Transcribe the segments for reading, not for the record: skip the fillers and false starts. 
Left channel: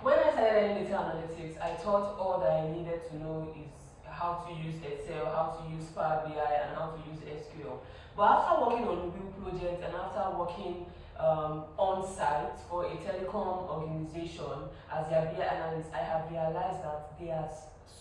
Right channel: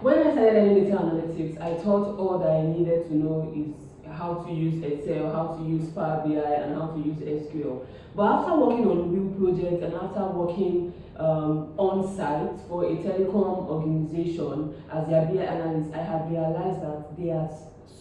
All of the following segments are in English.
When I started learning data analytics, I thought all that I needed to know is how to use Excel, how to use Power BI, and how to use SQL. But after working on real projects and after working on site for a telecom organization as their BI analyst, I have realized that there are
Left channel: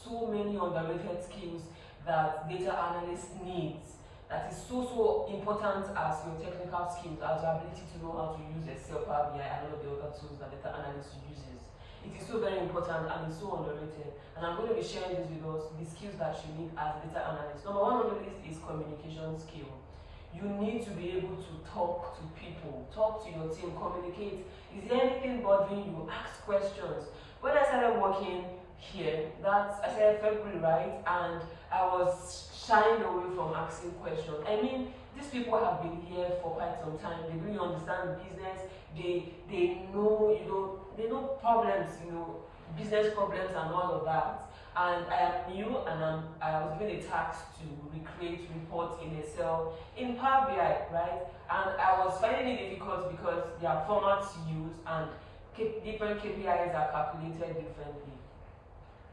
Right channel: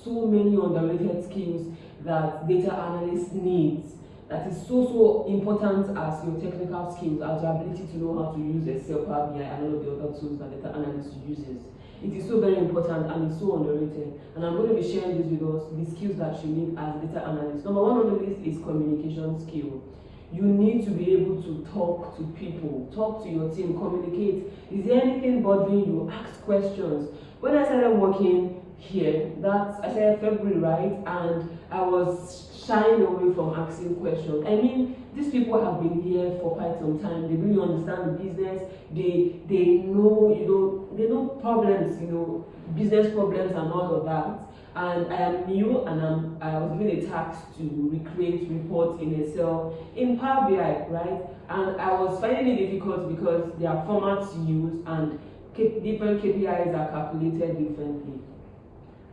so many underrated skills that data analysts needs that is so important as your technical skills, as your ability to know how to use Excel, Power BI, and all of the other tools that data analyst uses. It is so very important and it's so underrated. And I'm going to be sharing this with us, the skills that you need as a data analyst. Number one on the list is communication skill. You need to be able to talk to people, talk to your team, communicate. Is there anything bothering you? Ask questions. When I started working here, I started February, right? And I was shying away from asking questions. I mean, these people have been here for quite some time. They really understand the business. They know, they know problems, business problems and all of that. And I am new, and I was given a task to recreate reports in Excel in Power BI, right? And I was finding it difficult because there are formats used and different KPIs are calculated differently.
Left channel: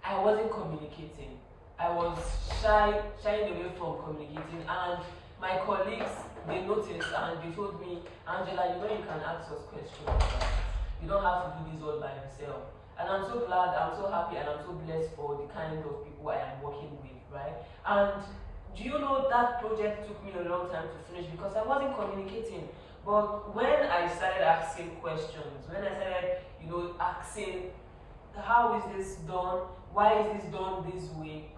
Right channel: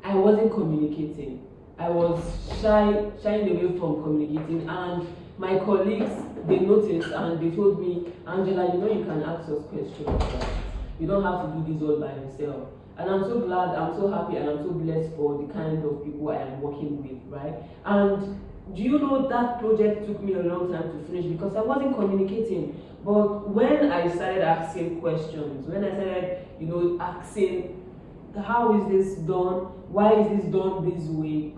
I wasn't communicating. I was shying away from communicating, and my colleagues, they noticed and they told me, Angela, you can ask us questions, right? You don't have to do this all by yourself. And I'm so glad, I'm so happy, and I'm so blessed for the kind of people I am working with, right? And do you know that project took me a long time to finish because I wasn't communicating. But when I started asking questions, when I started, asking, how is this done? Why is this done this way?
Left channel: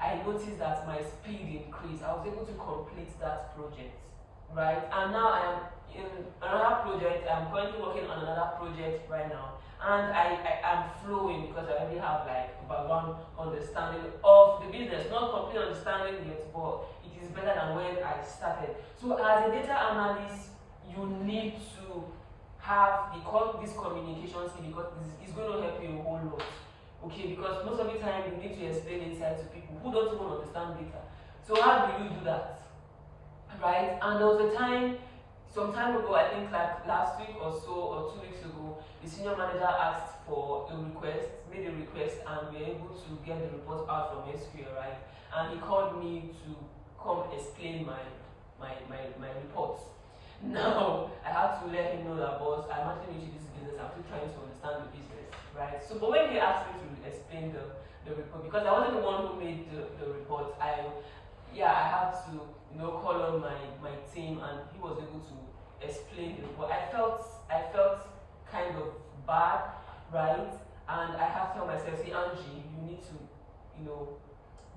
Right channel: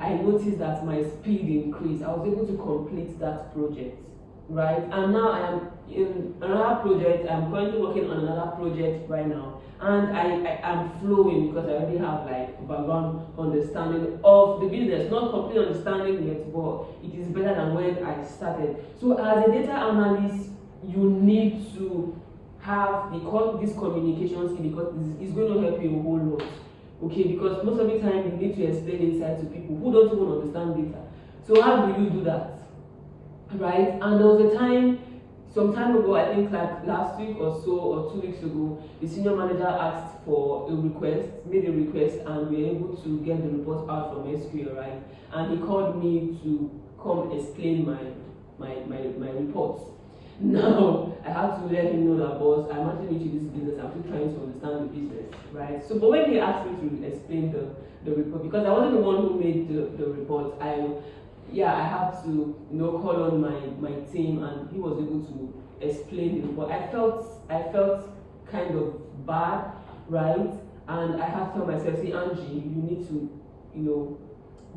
I noticed that my speed increased. I was able to complete that project, right? And now I am in another project. I'm currently working on another project right now, and I am flowing because I already have like background understanding of the business. Not complete understanding yet, but it is better than when I started. So as a data analyst, you need to have this communication skill because it's going to help you a whole lot. Okay, because most of the time you need to explain insight to people who don't even understand data. So how do you do that? Right? And there was a time, some time ago, I think like last week or so, or 2 weeks ago, the senior manager asked for a request, made a request, and we were able to get the report out from SQL, right? And he called me to come explain my reports. Now, I have to let him know that, boss, I'm actually into this business, I'm still trying to understand the business, right? So, but when he asked me to explain the report, because I wasn't the one who made the report, I had to, call on my team, and he was able to explain the report. I felt kind of bad, right? And I had to tell myself, say, Angie, you need to,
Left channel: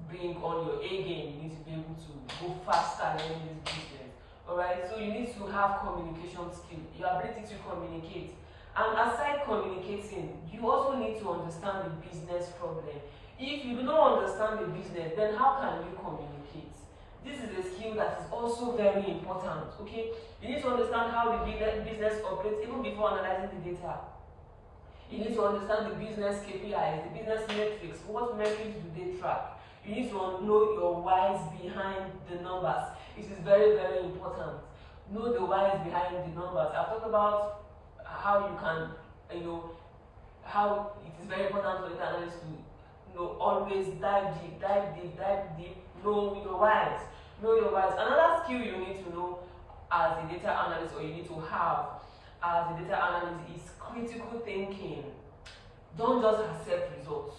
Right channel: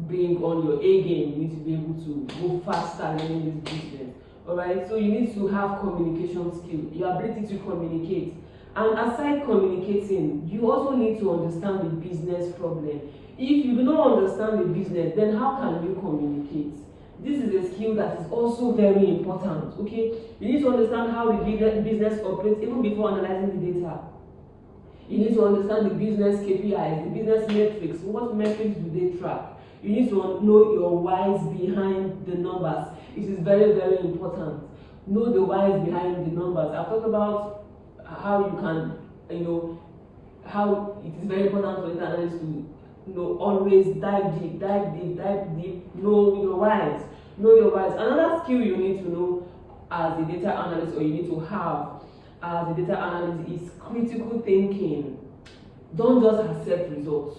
bring on your A game. You need to be able to go faster in this business. Alright, so you need to have communication skill, your ability to communicate. And aside communicating, you also need to understand the business problem. If you do not understand the business, then how can you communicate? This is a skill that is also very important. Okay, you need to understand how the business operates even before analyzing the data. You need to understand the business KPIs, the business metrics. What metrics do they track? You need to know your whys behind the numbers. It is very, very important. Know the whys behind the numbers. I've talked about how you can, how it is very important for data analysts to, always dive deep, know your whys. Know your whys. Another skill you need to know as a data analyst, or you need to have as a data analyst, is critical thinking. Don't just accept results.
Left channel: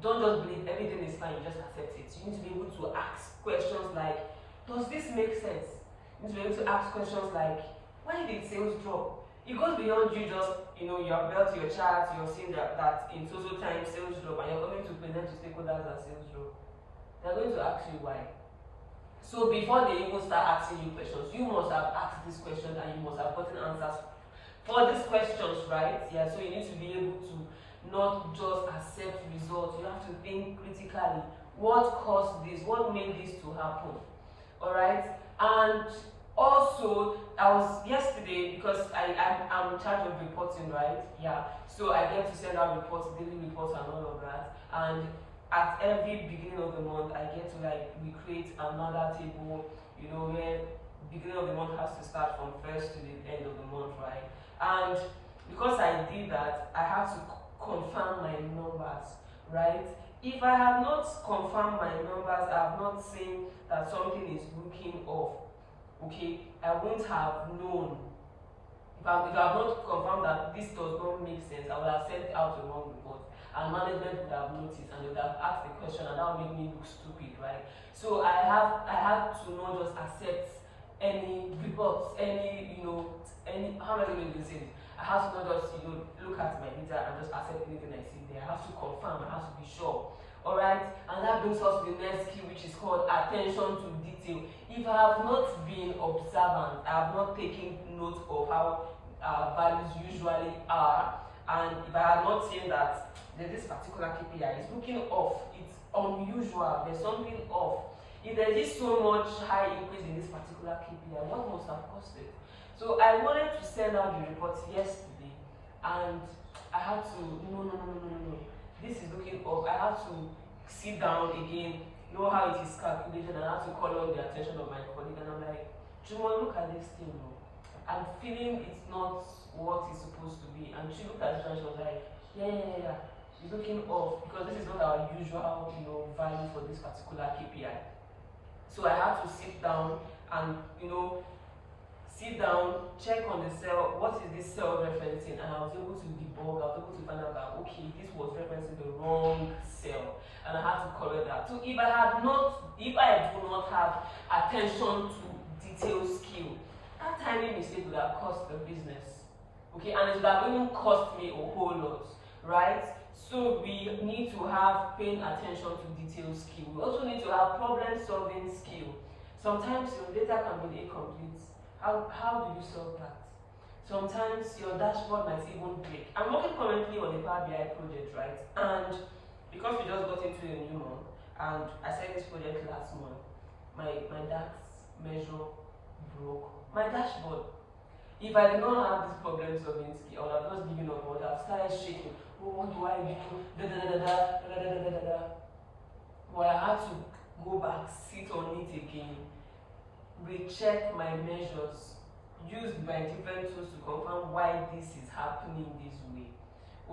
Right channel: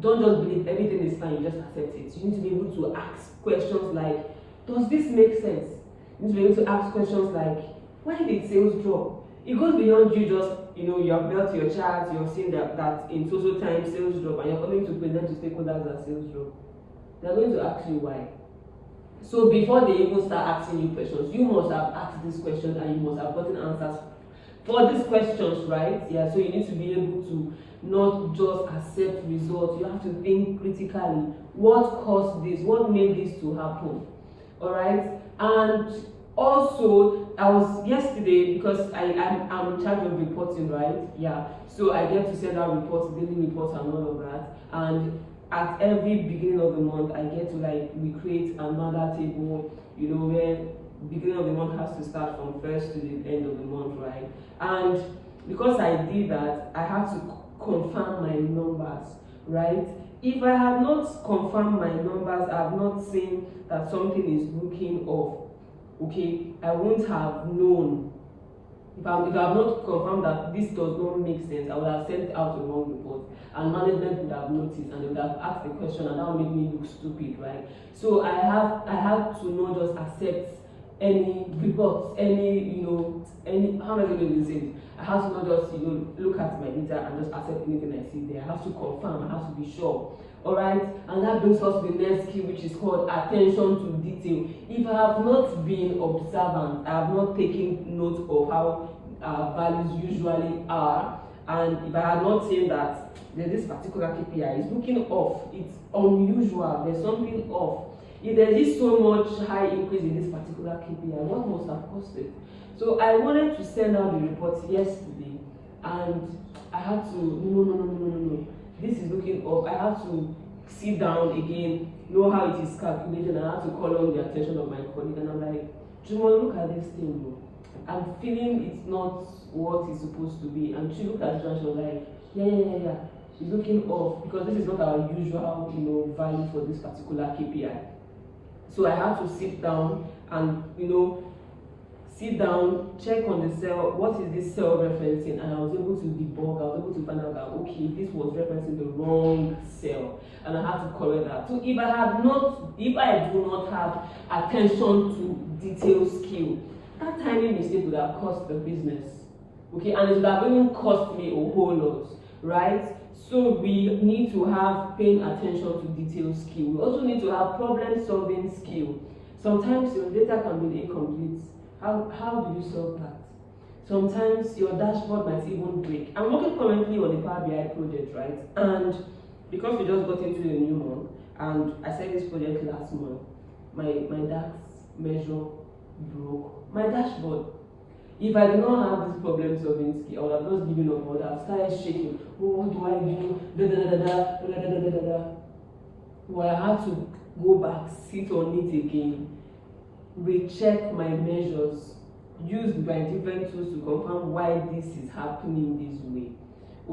Don't just believe everything is fine, you just accept it. You need to be able to ask questions like, does this make sense? You need to be able to ask questions like, why did sales drop? It goes beyond you just, you have built your chart, you have seen that in total time sales drop, and you're coming to present to stakeholders that sales drop. They're going to ask you why. So before they even start asking you questions, you must have asked these questions and you must have gotten answers for these questions, right? Yeah, so you need to be able to not just accept results. You have to think critically. What caused this? What made this to happen? All right. And also, I was yesterday, because I'm in charge of reporting, right? Yeah. So I get to send out reports, daily reports, and all of that. And at every beginning of the month, I get to recreate another table, where beginning of the month has to start from first to the end of the month, right? And because I did that, I had to confirm my numbers, right? If I had not confirmed my numbers, I have not seen that something is looking off, okay, I won't have known. If I have not confirmed that this does not make sense, I would have sent out the wrong report, and management would have noticed and they would have asked the question, and that would make me look stupid, right? So I had to not just accept any reports, any how am I going to use it? I have to not just look at my data and just accept anything I see there. I have to confirm, I have to be sure. Alright, and that brings us to the next skill, which is called attention to detail. If I have not been observant, I have not taken note of how our values usually are, and if I have not seen that this particular KPI is looking off, it's unusual, there's something off. If there is so much high increase in this particular KPI, what must have caused it? So I wanted to send out the report yesterday, and I had to no. This is looking up. I have to sit down again, know how it is calculated, and I have to call on the attention of my colleague. And I'm like, Jumo, look at this thing, bro. I'm feeling it's not what it's supposed to be. And she looked at it and she was like, yeah. It's looking off because this is not our usual, value for this particular KPI. So I have to sit down and, check on the cell, what is this cell referencing, and I was able to debug, I was able to find out that, okay, this was referencing the wrong cell, and I had to correct that. So if I do not have attention to detail skill, that tiny mistake would have cost the business, okay, and it would have even cost me a whole lot, right? So we need to have paying attention to detail skill. We also need to have problem solving skill. Sometimes your data can be incomplete. How do you solve that? Sometimes your dashboard might even break. I'm working currently on a Power BI project, right? And because we just got into a new month, and I said this project last month, my DAX measure broke my dashboard. If I did not have this problem solving skill, I would have just given up. I would have started shaking. Oh, what do I do? Well, I had to go back, sit on it again, recheck my measures, use my different tools to confirm why this is happening this way.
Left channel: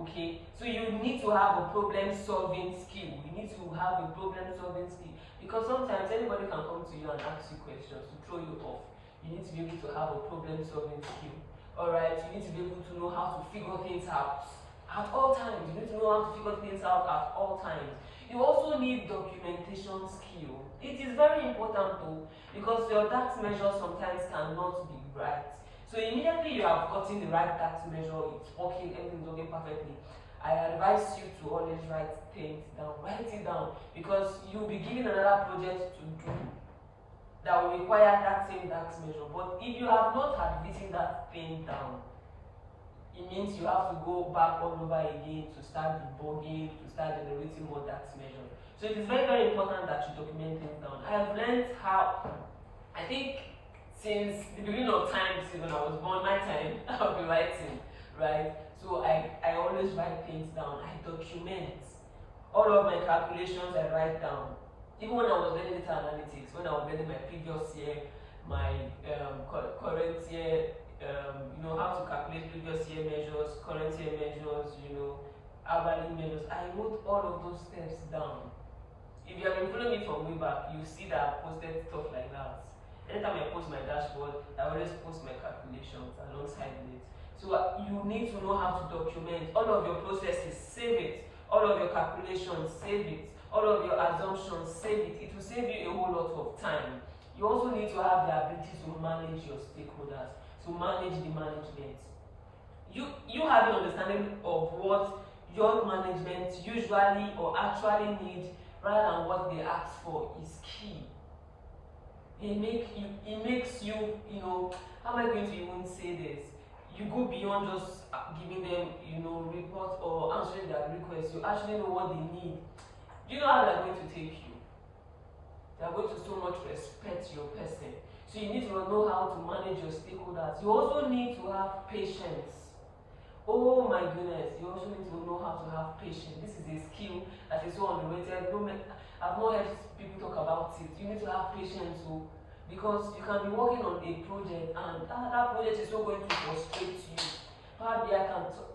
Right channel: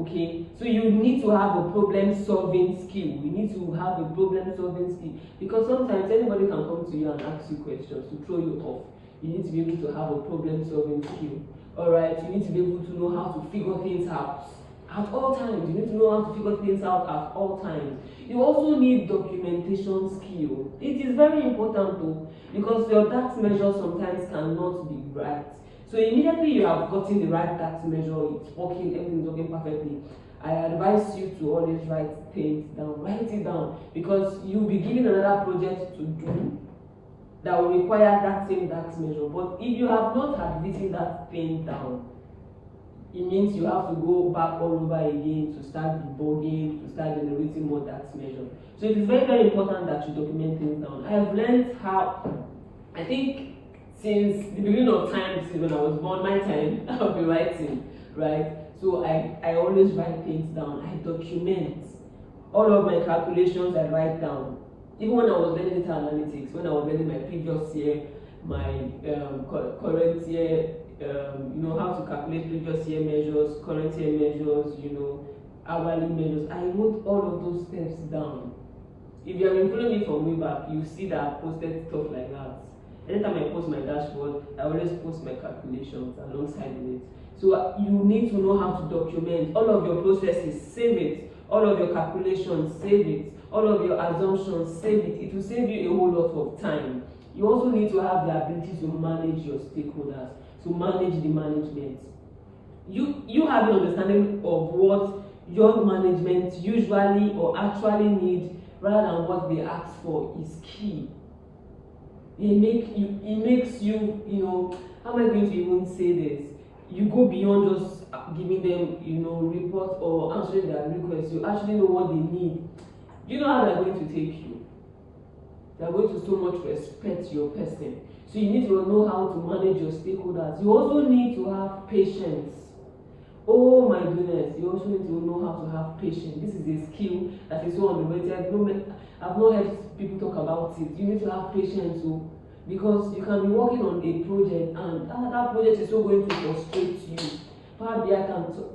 Okay, so you need to have a problem solving skill. You need to have a problem solving skill, because sometimes anybody can come to you and ask you questions to throw you off. You need to be able to have a problem solving skill. Alright, you need to be able to know how to figure things out at all times. You need to know how to figure things out at all times. You also need documentation skill. It is very important though, because your DAX measure sometimes cannot be right. So immediately you have gotten the right DAX measure, it's working, everything is working perfectly, I advise you to always write things down. Write it down, because you'll be given another project to do that will require that same DAX measure. But if you have not had written that thing down, it means you have to go back all over again to start debugging, to start generating more DAX measure. So it is very, very important that you document things down. I have learned how, I think since the beginning of time, since when I was born, my time, I've been writing, right? So I always write things down. I document all of my calculations. I write down. Even when I was learning data analytics, when I was learning my previous year, my current year, how to calculate previous year measures, current year measures, hourly measures, I wrote all of those steps down. If you have been following me from way back, you see that I posted stuff like that. Anytime I post my dashboard, I always post my calculations alongside with it. So you need to know how to document all of your processes, save it. All of your calculations, save it. All of your assumptions, save it. It will save you a whole lot of time. You also need to have the ability to manage your stakeholders, to manage the management. You have an understanding of what your management usually or actually need rather than what they ask for is key. It makes you, how am I going to even say this? You go beyond just giving them, reports or answering their requests. You actually know what they need. Do you know how they're going to take you? They're going to so much respect your person. So you need to know how to manage your stakeholders. You also need to have patience. Oh my goodness, you also need to know how to have patience. This is a skill that is so underrated. I've not heard people talk about it. You need to have patience too, because you can be working on a project and that project is so going to frustrate you. Power BI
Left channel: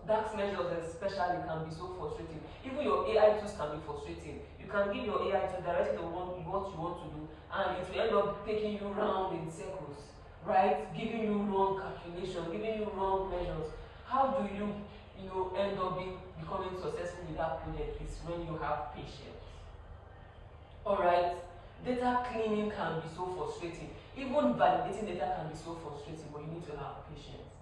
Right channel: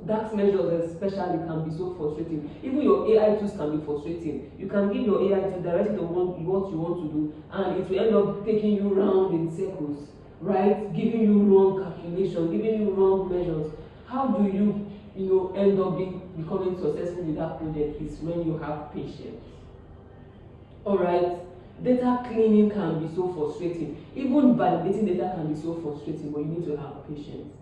DAX measures especially can be so frustrating. Even your AI tools can be frustrating. You can give your AI to direct it on what you want to do, and it will end up taking you round in circles, right? Giving you wrong calculations, giving you wrong measures. How do you, end up becoming successful with that project? Is when you have patience. All right. Data cleaning can be so frustrating. Even validating data can be so frustrating, but you need to have patience.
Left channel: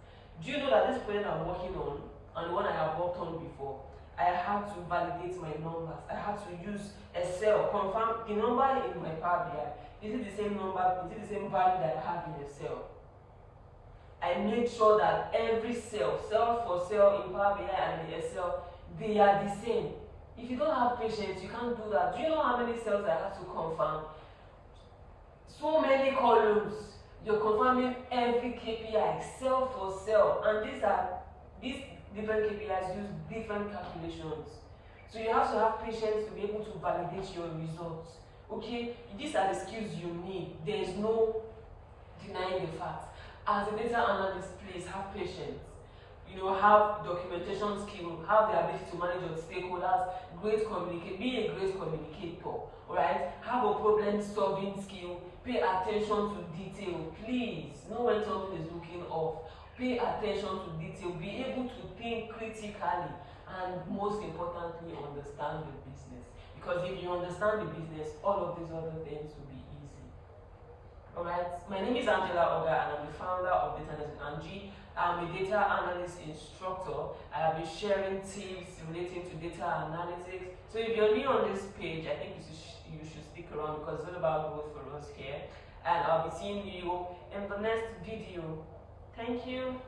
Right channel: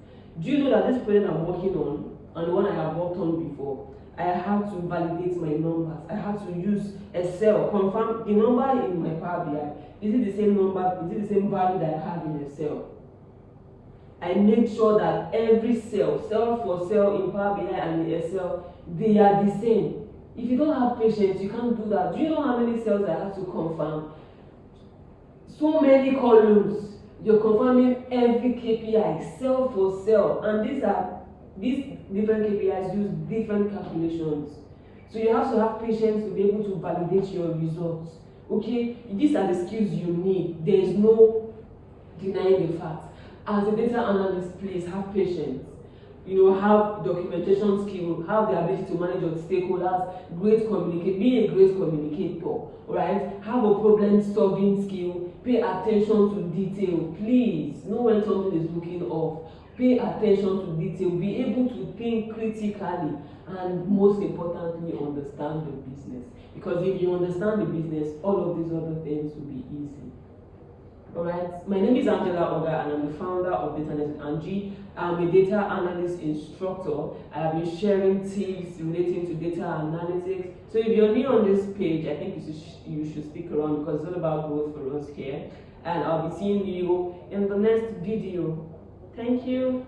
Do you know that this project I'm working on, and the one I have worked on before, I have to validate my numbers. I have to use Excel, confirm the number in my Power BI. Is it the same number? Is it the same value that I have in Excel? I make sure that every cell for cell in Power BI and in Excel, they are the same. If you don't have patience, you can't do that. Do you know how many cells I have to confirm? So many columns. You're confirming every KPI, cell for cell, and these different KPIs use different calculations. So you have to have patience to be able to validate your results. Okay, these are the skills you need. There is no denying the fact. As a data analyst, please have patience. Have documentation skill, have the ability to manage your stakeholders, be a great communicator, right? Have a problem solving skill, pay attention to detail, please. Know when something is looking off. Pay attention to detail, be able to think critically, and most importantly, understand the business. Because if you understand the business, all of these other things will be easy. Alright, my name is Angela Oga, and I'm the founder of Data Analyst Angie. I'm a data analyst instructor. I have been sharing tips relating to data analytics. So if you're new on this page, I think you should stick around, because it's all about growth for us here. And I'll be seeing you in the next video. Thank you.